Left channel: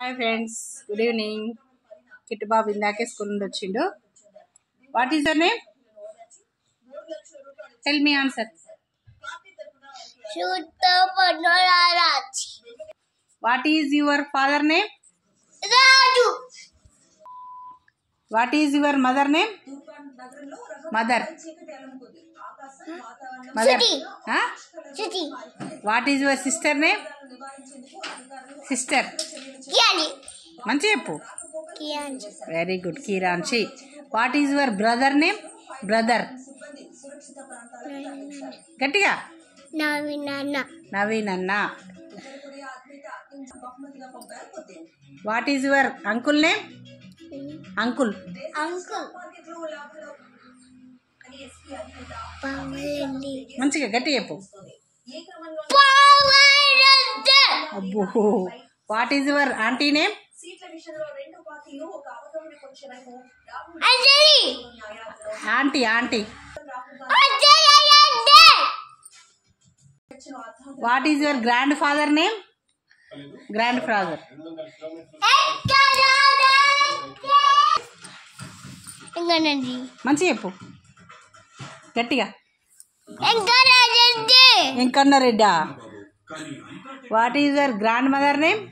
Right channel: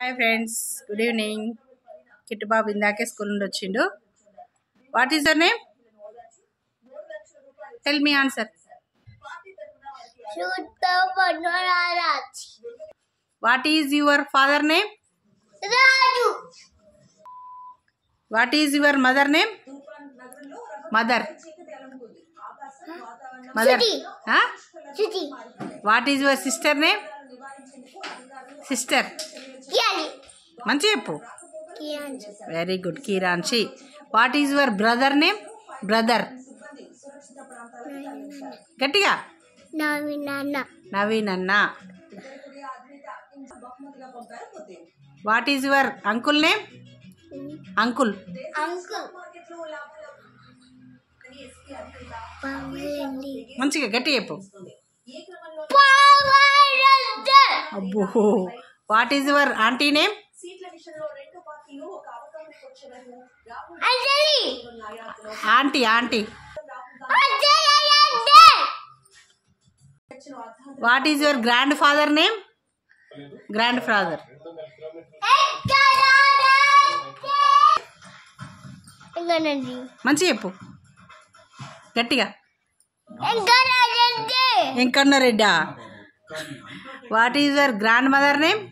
Hi friends, good evening. Kittu Babu indake school నుండి వచ్చిండు. What is your name? Tell me answer. Shutta Panoraraj. What is your father name? Raju. What is your mother name? Mother. Mother. Siti. Huh? Siti. What is your sister name? Sister. Kiani. మంచి చెప్పు. Kiani. Very good Kiranshi. What is your brother name? Brother గట్టిగా. Navin Anna. Naveen అన్న. What is your uncle name? Uncle. Uncle. Pawalandi. మంచిగా గట్టి చెప్పు. Pawalandi. అబ్బో. What is your aunty name? Anjali. Aunty aunty. Anjali. What is your grandfather name? Grandfather. Enganandi. మంచి చెప్పు గట్టిగా. Enganandi. వెంకన్నరెడ్డా. What is your grandmother name?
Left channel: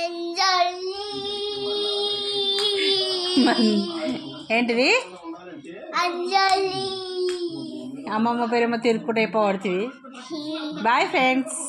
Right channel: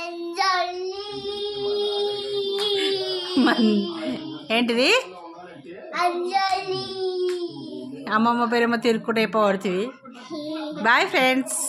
Anjali. ఏంటిది? Anjali. అమ్మమ్మ పేరేమో తిరుక్కుంటే అయిపోవడుతుంది. Bye friends.